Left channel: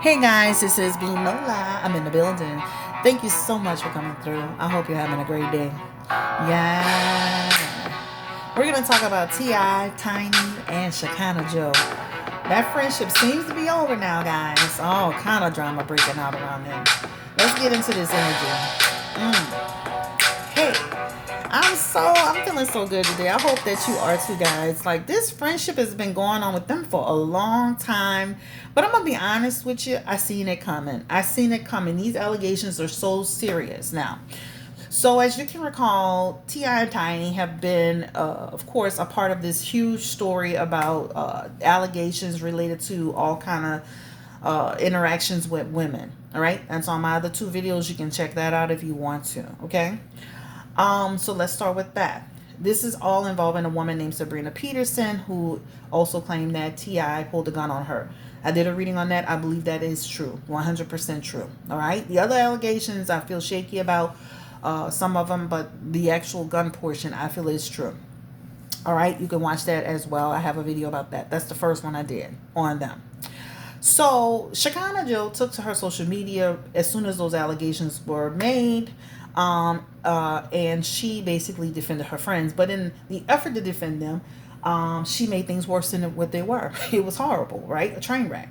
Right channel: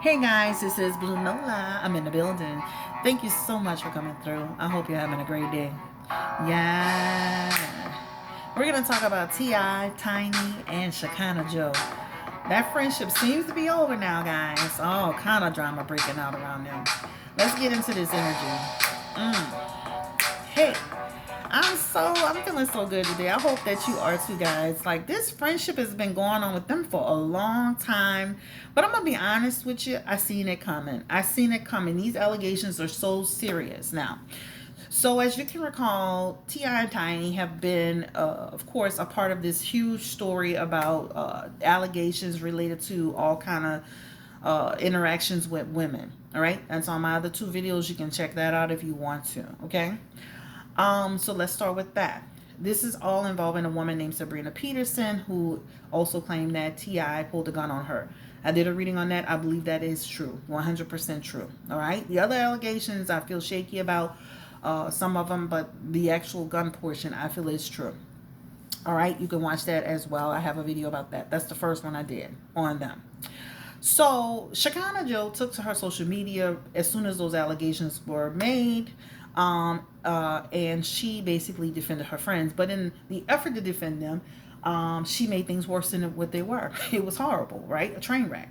Hey guys, this is Blue Nola. I'm in the building. Thank you so much for coming through. I hope you're having a great day. Yeah. We're going to talk about T.I., Tiny, and Shekinah Joe. That friendship seems to be over now, guys. All kind of drama breaking out around them. Let's get into this energy. Hey, I'm feeling so good today. I hope that you are too, guys. Like, this friendship has been going on with them for a long time. But I'm gonna be honest with you, I seen it coming. I seen it coming. These allegations are so serious now. So as you can recall, Ti and Tiny have been, of course, a part of this huge story about allegations related to all kind of interactions with women. All right, that's on my other two videos. You can check that out if you want to. Okay. So let's start with that. This is all involving a woman named Sabrina Peterson, who also claimed that Ti pulled a gun on her. I did a reading on that. I believe that is true, 100% true. All right. The other allegations I feel shaky about, some of them, but the actual gun portion I feel is true. All right. You can watch that as well. I have a video about that. That's the first one I did on them. So Shekinah Joe took to her social media as soon as those allegations were made, and she basically defended her friends. But in the effort to defend them, she made things worse than what they were. It was horrible, right? A train wreck.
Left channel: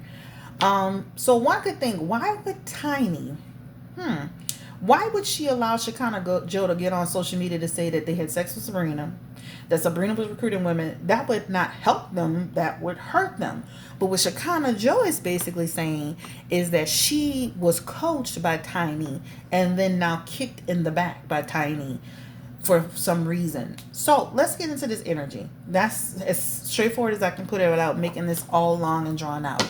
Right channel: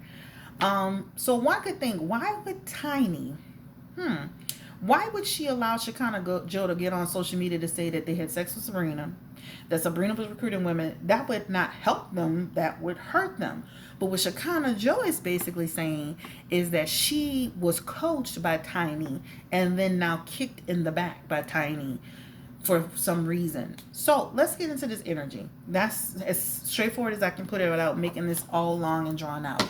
So one could think, why would Tiny, why would she allow Shekinah Joe to get on social media to say that they had sex with Sabrina, that Sabrina was recruiting women? That would not help them, that would hurt them. But what Shekinah Joe is basically saying is that she was coached by Tiny and then now kicked in the back by Tiny for some reason. So let's get into this energy. That's as straightforward as I can put it without making this all long and drawn out.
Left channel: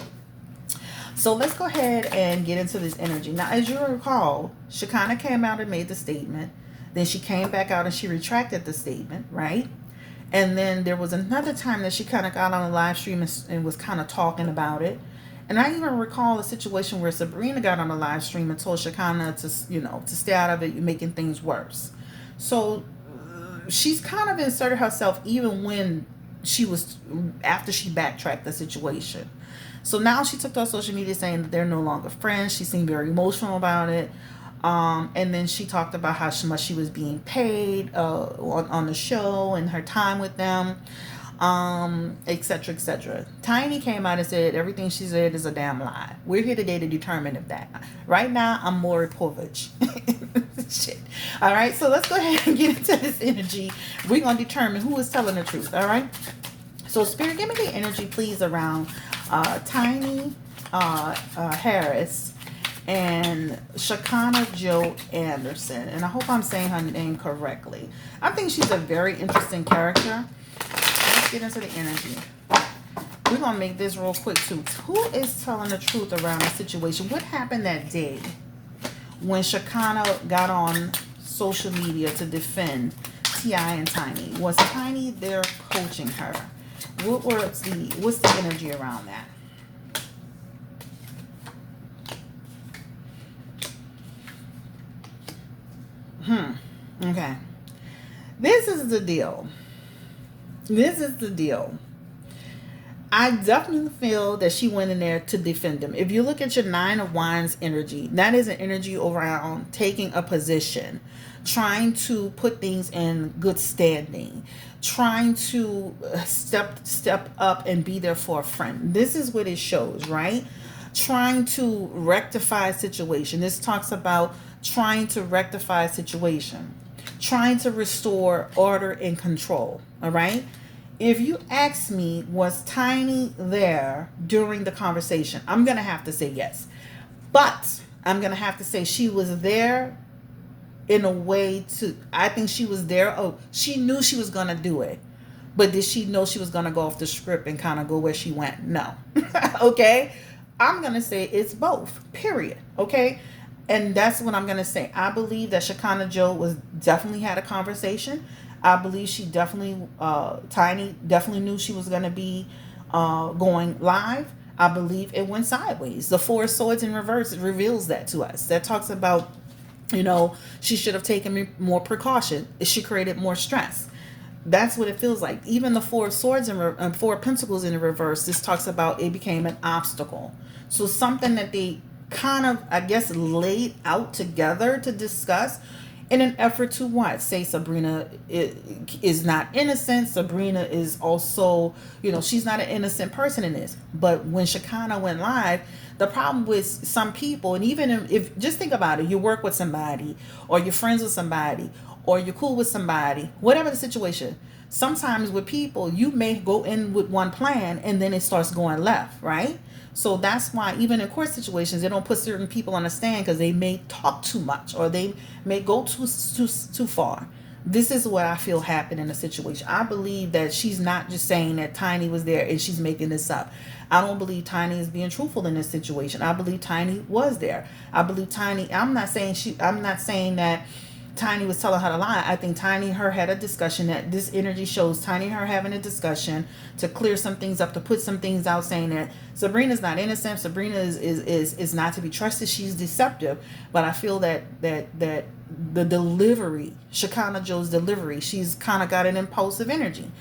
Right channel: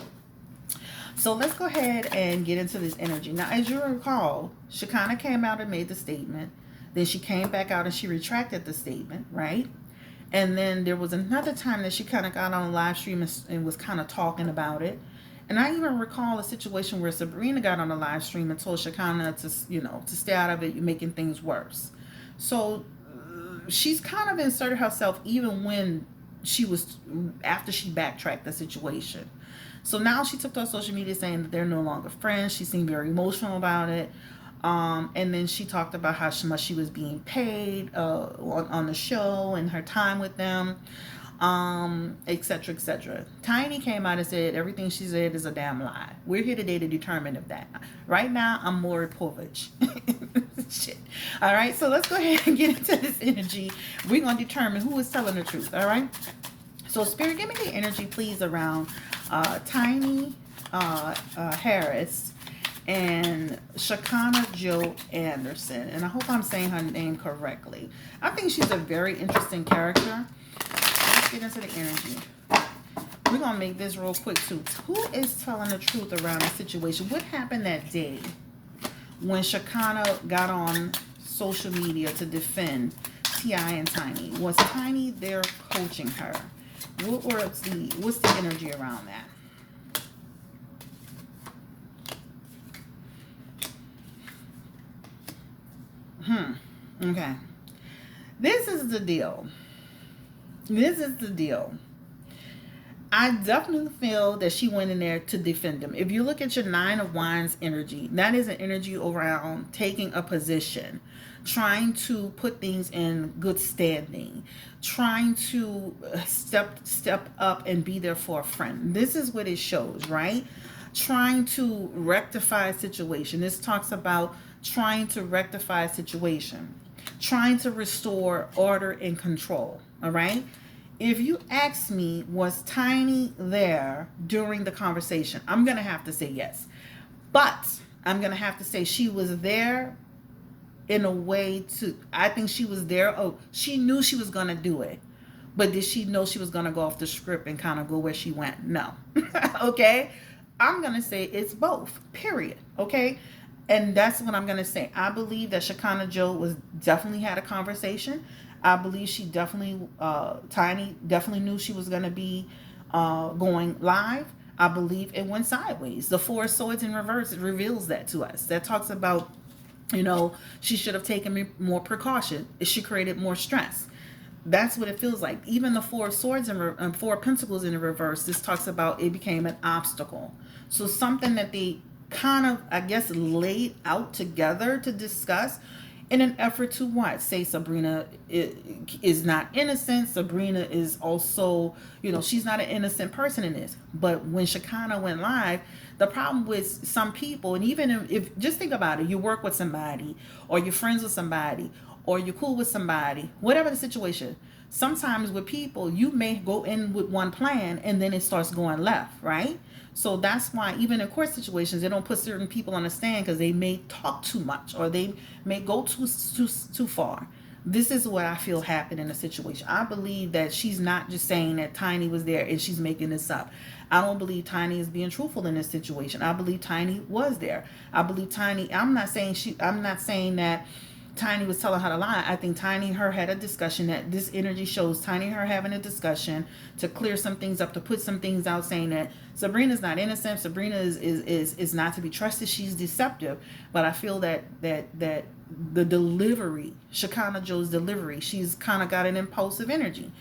So let's go ahead and get into this energy. Now, as you recall, Shekinah came out and made the statement. Then she came back out and she retracted the statement, right? And then there was another time that she kind of got on a live stream and was kind of talking about it. And I even recall a situation where Sabrina got on a live stream and told Shekinah to stay out of it, you're making things worse. So she's kind of inserted herself even when after she backtracked the situation. So now she took to her social media saying that they're no longer friends. She seemed very emotional about it. And then she talked about how much she was being paid on the show and her time with them, etc., etc. Tiny came out and said everything she said is a damn lie. We're here today to determine if that. Right now, I'm more Povich. Shit. All right, so let's go ahead and get into this energy. We're going to determine who is telling the truth, all right? So, Spirit, give me the energy, please, around Tiny Harris and Shekinah Joe Anderson. And I hope I'm saying her name correctly. I think she's a very interesting character. Let's get into the energy. We're going to make this real quick, too. Who is telling the truth around the situation? What happened that day when Shekinah got on social media to defend T.I. and Tiny? Was Tiny there coaching her? What's the energy around that? Okay. This is the deal. This is the deal. I definitely feel that she went in there to defend him. If you look at your Nine of Wands energy, that is an energy around taking a position, trying to put things in good standing, trying to step up and be there for a friend. This is what it shows, right? Trying to rectify a situation. This talks about trying to rectify a situation, trying to restore order and control, all right? If you ask me, was Tiny there during the conversation? I'm going to have to say yes. But I'm going to have to say she was there in a way I think she was there. Oh, she knew she was going to do it. But did she know she was going to go off the script and kind of go where she went? No. Okay? I'm going to say it's both, period. Okay? And that's what I'm going to say. I believe that Shekinah Joe definitely had a conversation. I believe she definitely, Tiny definitely knew she was going to be going live. I believe it went sideways. The Four of Swords in reverse reveals that to us. That talks about, she should have taken more precaution. She created more stress. That's what it feels like. Even the Four of Swords and Four of Pentacles in the reverse, this talks about it became an obstacle. So something that they kind of, I guess, laid out together to discuss in an effort to what? Say Sabrina is not innocent. Sabrina is also, she's not an innocent person in this. But when Shekinah went live, the problem with some people, and even if just think about it, you work with somebody, or you're friends with somebody, or you're cool with somebody, whatever the situation. Sometimes with people, you may go in with one plan and then it starts going left, right? So that's why even in court situations, they don't put certain people on the stand because they may talk too much or they may go too far. This is what I feel happened in the situation. I believe that she's not just saying that Tiny was there and she's making this up. I don't believe Tiny is being truthful in this situation. I believe Tiny was there. I believe Tiny, I'm not saying that Tiny was telling her to lie. I think Tiny and her had a discussion. That this energy shows Tiny and her having a discussion to clear some things up, to put some things out, saying that Sabrina's not innocent. Sabrina is not to be trusted. She's deceptive. But I feel that the delivery, Shekinah Joe's delivery, she's kind of got an impulsive energy.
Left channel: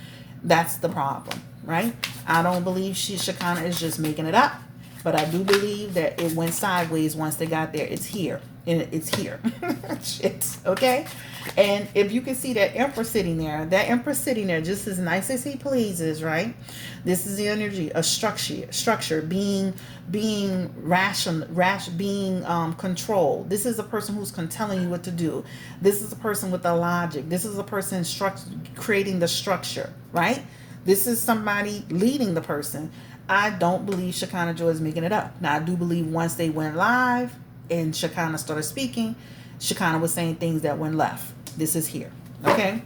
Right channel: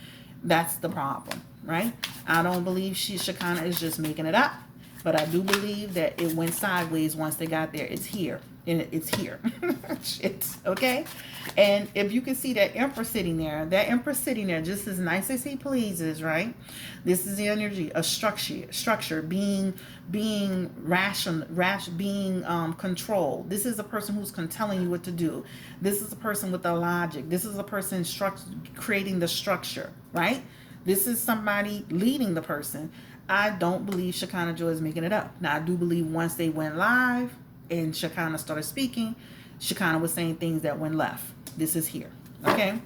That's the problem, right? I don't believe Shekinah is just making it up. But I do believe that it went sideways once they got there. It's here. And it's here. Shit. Okay? And if you can see that Emperor sitting there, just as nice as he pleases, right? This is the energy of structure, being rational, being controlled. This is a person who's telling you what to do. This is a person with the logic. This is a person creating the structure, right? This is somebody leading the person. I don't believe Shekinah Joy is making it up. Now, I do believe once they went live and Shekinah started speaking, Shekinah was saying things that went left. This is here. Okay?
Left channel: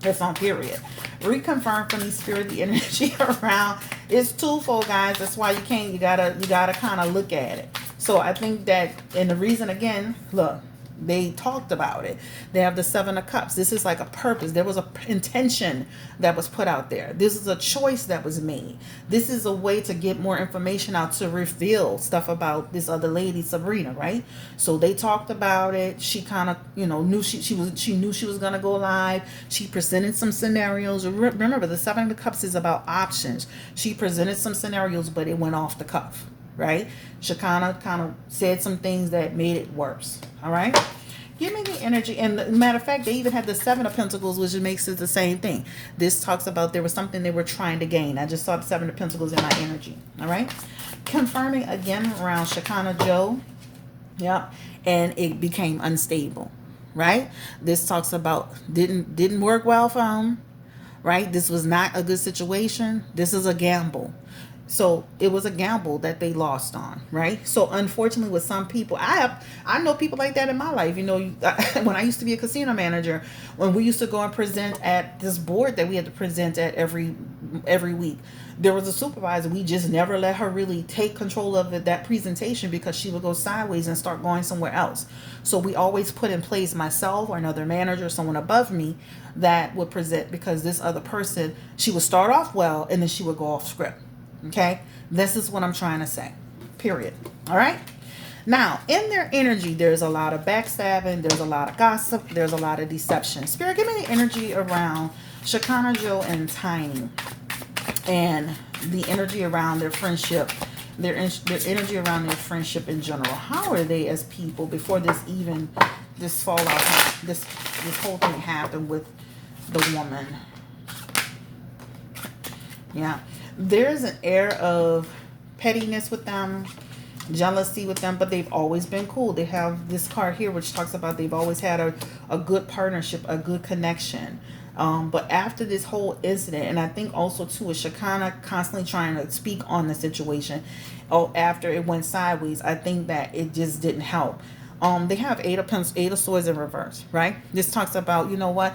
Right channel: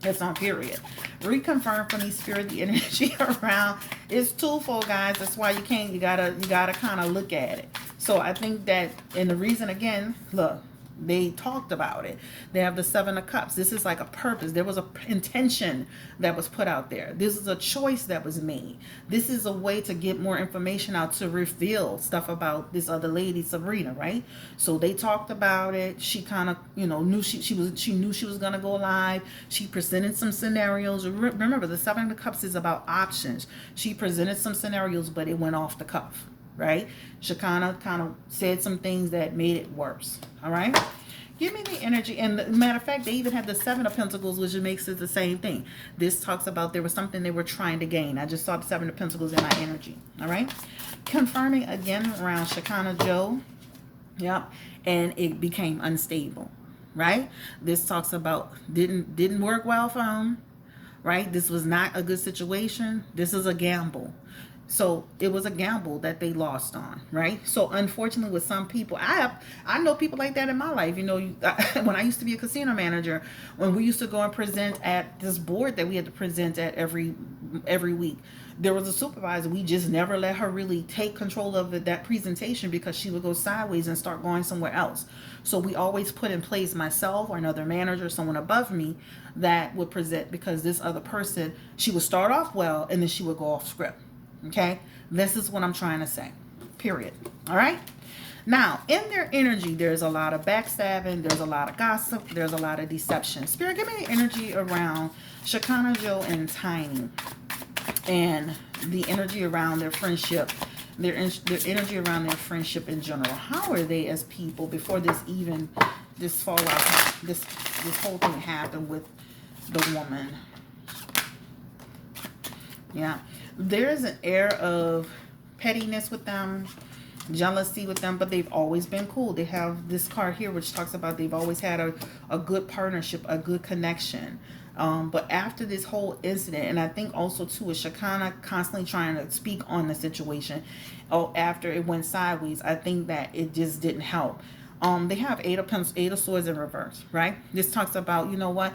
That's on period. Reconfirm from the spirit the energy around. It's twofold, guys. That's why you gotta kind of look at it. So I think that, and the reason again, look, they talked about it. They have the Seven of Cups. This is like a purpose. There was a intention that was put out there. This is a choice that was made. This is a way to get more information out, to reveal stuff about this other lady, Sabrina, right? So they talked about it. She kind of, knew she knew she was gonna go live. She presented some scenarios. Remember, the Seven of Cups is about options. She presented some scenarios, but it went off the cuff, right? Shekinah kind of said some things that made it worse. All right? Give me the energy. And matter of fact, they even had the Seven of Pentacles, which makes it the same thing. This talks about there was something they were trying to gain. I just saw the Seven of Pentacles in my energy. All right? Confirming again around Shekinah Joe. Yep. And it became unstable. Right? This talks about didn't work well for him. Right? This was not a good situation. This is a gamble. So it was a gamble that they lost on, right? So unfortunately with some people, I know people like that in my life. When I used to be a casino manager, when we used to go and present at this board that we had to present at every week, there was a supervisor. We just never let her really take control of that presentation because she would go sideways and start going somewhere else. So we always put in place myself or another manager, someone above me that would present, because this other person, she would start off well and then she would go off script. Okay, this is what I'm trying to say, period. All right, now in their energy, there's a lot of backstabbing, there's a lot of gossip, there's a lot of deception. Spirit, give me the energy around Shekinah Joe and Tiny, and the energy around their friendship, their energy around their friendship in general. How are they as people before this fallout, this whole thing happened with the woman? Yeah. There's an air of pettiness with them, jealousy with them, but they've always been cool. They have this card here which talks about they've always had a good partnership, a good connection. But after this whole incident, and I think also too with Shekinah constantly trying to speak on the situation, after it went sideways, I think that it just didn't help. They have Eight of Swords in reverse, right? This talks about, you know what?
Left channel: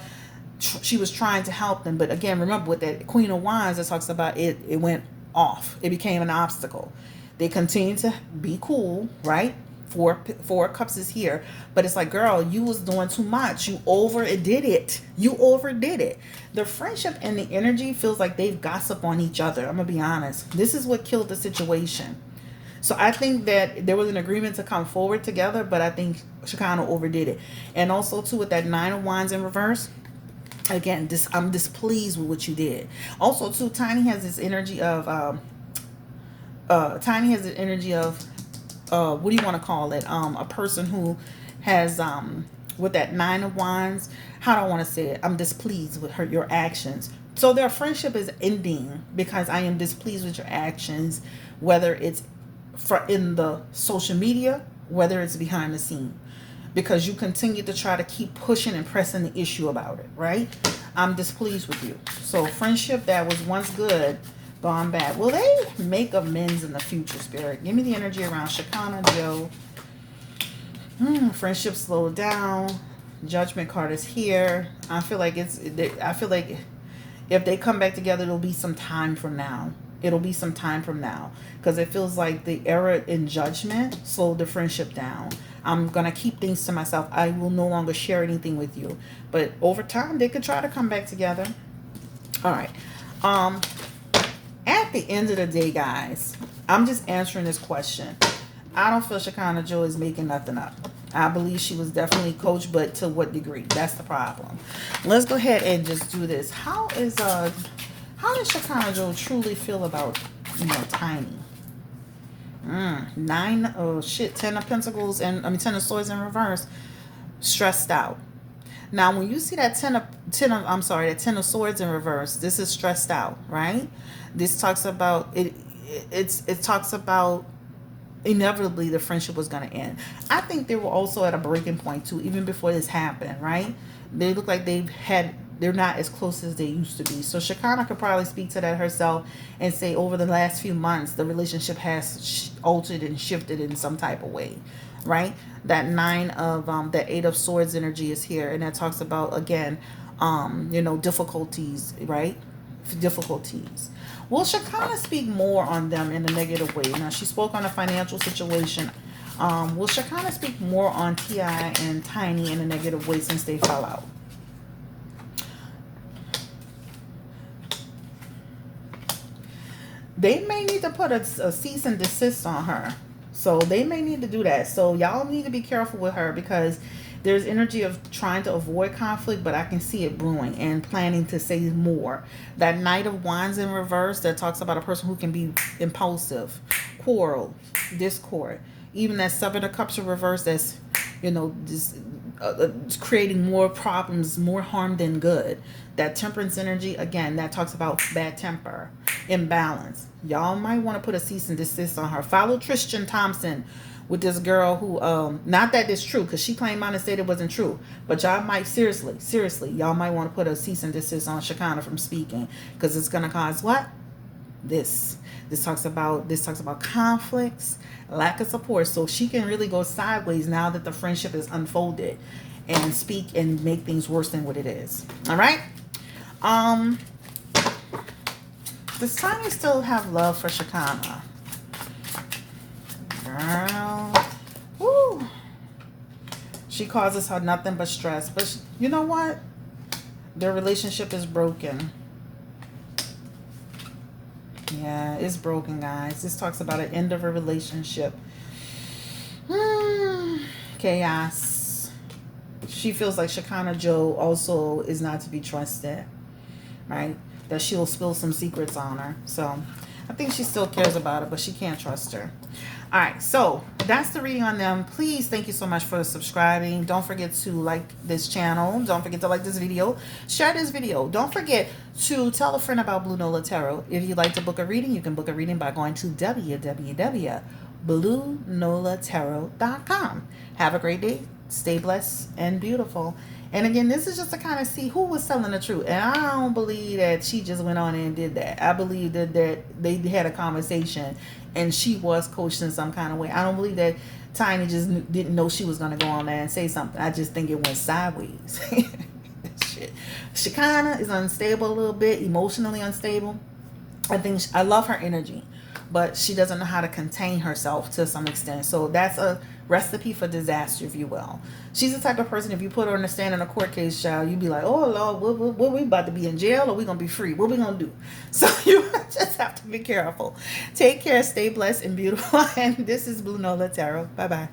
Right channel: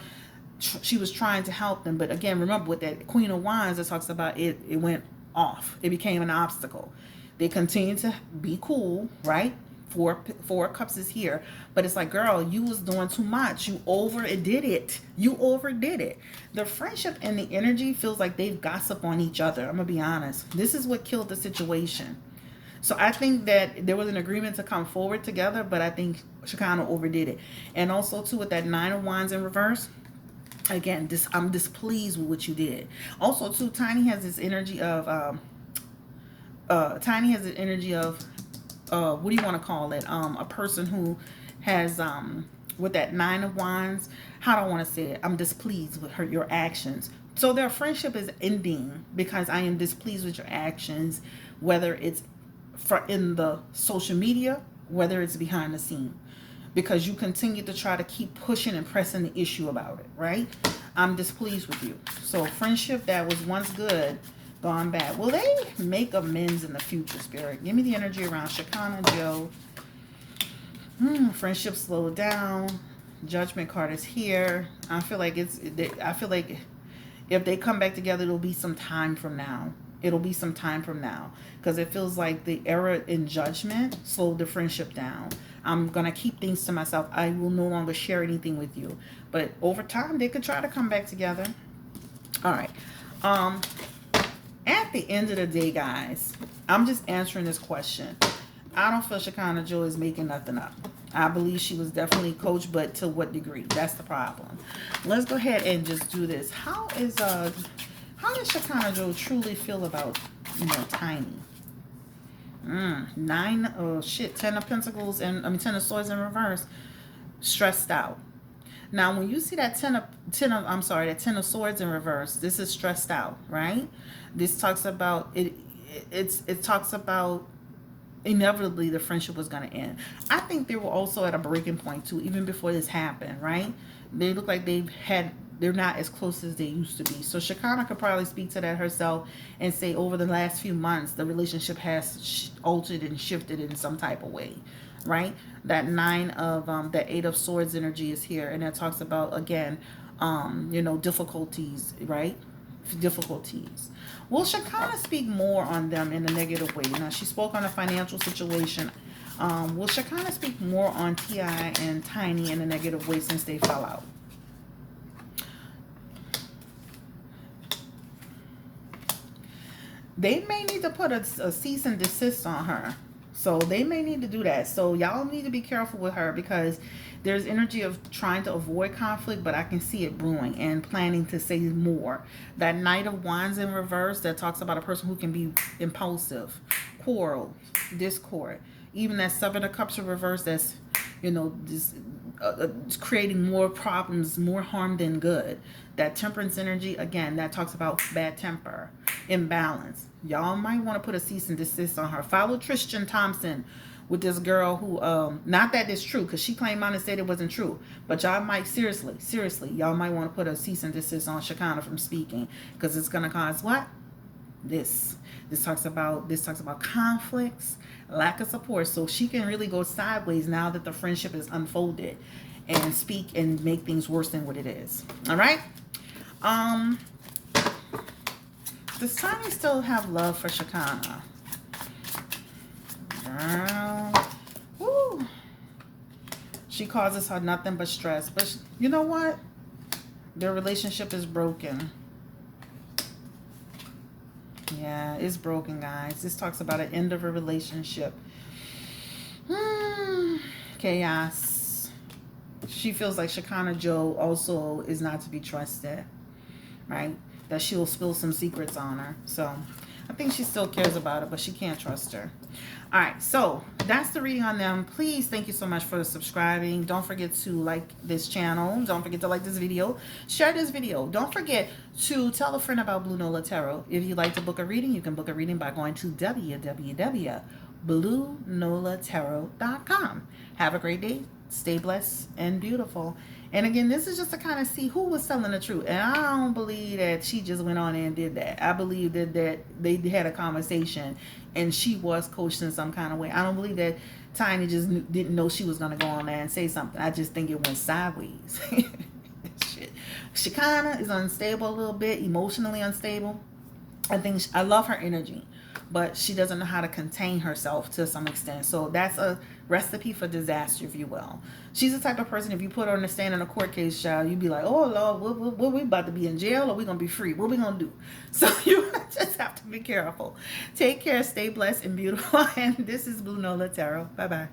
She was trying to help them, but again, remember with that Queen of Wands, it talks about it went off. It became an obstacle. They continue to be cool, right? Four Cups is here, but it's like, girl, you was doing too much. You overdid it. The friendship and the energy feels like they've gossiped on each other. I'm gonna be honest. This is what killed the situation. So I think that there was an agreement to come forward together, but I think Shekinah overdid it. And also too with that Nine of Wands in reverse, Again, I'm displeased with what you did. Also, too, Tiny has this energy of what do you want to call it? A person who has with that 9 of Wands. How do I want to say it? I'm displeased with your actions. So their friendship is ending because I am displeased with your actions, whether it's in the social media, whether it's behind the scene, because you continue to try to keep pushing and pressing the issue about it, right? I'm displeased with you. So friendship that was once good, gone bad. Will they make amends in the future, Spirit? Give me the energy around Shekinah, Joe. Friendship slowed down. Judgment card is here. I feel like if they come back together, it'll be some time from now. It'll be some time from now. Because it feels like the error in judgment slowed the friendship down. I'm going to keep things to myself. I will no longer share anything with you. But over time, they could try to come back together. All right. At the end of the day, guys, I'm just answering this question. I don't feel Shekinah Joe is making nothing up. I believe she was definitely coached, but to what degree? That's the problem. Let's go ahead and just do this. How does Shekinah Joe truly feel about, Tiny? 10 of Pentacles and 10 of Swords in reverse. Stressed out. Now, when you see that 10 of Swords in reverse, this is stressed out, right? This talks about it. It talks about inevitably the friendship was going to end. I think they were also at a breaking point too, even before this happened, right? They look like they're not as close as they used to be. So Shekinah could probably speak to that herself and say over the last few months, the relationship has altered and shifted in some type of way, right? That 8 of Swords energy is here. And that talks about, again, difficulties, right? Difficulties. Will Shekinah speak more on them in a negative way? Now, she spoke on a financial situation. Will Shekinah speak more on T.I. and Tiny in a negative way since they fell out? They may need to put a cease and desist on her. So they may need to do that. So y'all need to be careful with her because there's energy of trying to avoid conflict, but I can see it brewing and planning to say more. That Knight of Wands in reverse that talks about a person who can be impulsive, quarrel, discord. Even that 7 of Cups in reverse that's, creating more problems, more harm than good. That Temperance energy, again, that talks about bad temper, imbalance. Y'all might want to put a cease and desist on her. Follow Tristan Thompson with this girl who, not that it's true, because she claimed on and said it wasn't true, but y'all might, seriously, y'all might want to put a cease and desist on Shekinah from speaking, because it's going to cause what? This talks about conflicts, lack of support, so she can really go sideways now that the friendship is unfolded and speak and make things worse than what it is. All right. Does Tiny still have love for Shekinah? Girl. Woo. She causes her nothing but stress. But you know what? Their relationship is broken. Yeah, it's broken, guys. This talks about an end of a relationship. Chaos. She feels like Shekinah Joe also is not to be trusted, right? That she'll spill some secrets on her. So I think she still cares about it, but she can't trust her. All right, so that's the reading on them. Please, thank you so much for subscribing. Don't forget to like this channel. Don't forget to like this video. Share this video. Don't forget to tell a friend about Blue Nola Tarot. If you'd like to book a reading, you can book a reading by going to www.bluenolatarot.com. Have a great day. Stay blessed and beautiful. And again, this is just to kind of see who was telling the truth. And I don't believe that she just went on and did that. I believe that they had a conversation and she was coached in some kind of way. I don't believe that Tiny just didn't know she was going to go on there and say something. I just think it went sideways. Shit. Shekinah is unstable a little bit, emotionally unstable. I love her energy, but she doesn't know how to contain herself to some extent. So that's a recipe for disaster, if you will. She's the type of person, if you put her on the stand in a court case, child, you'd be like, oh, Lord, what we about to be in jail or we going to be free? What we going to do? So you just have to be careful. Take care, stay blessed and beautiful. And this is Blue Nola Tarot. Bye-bye.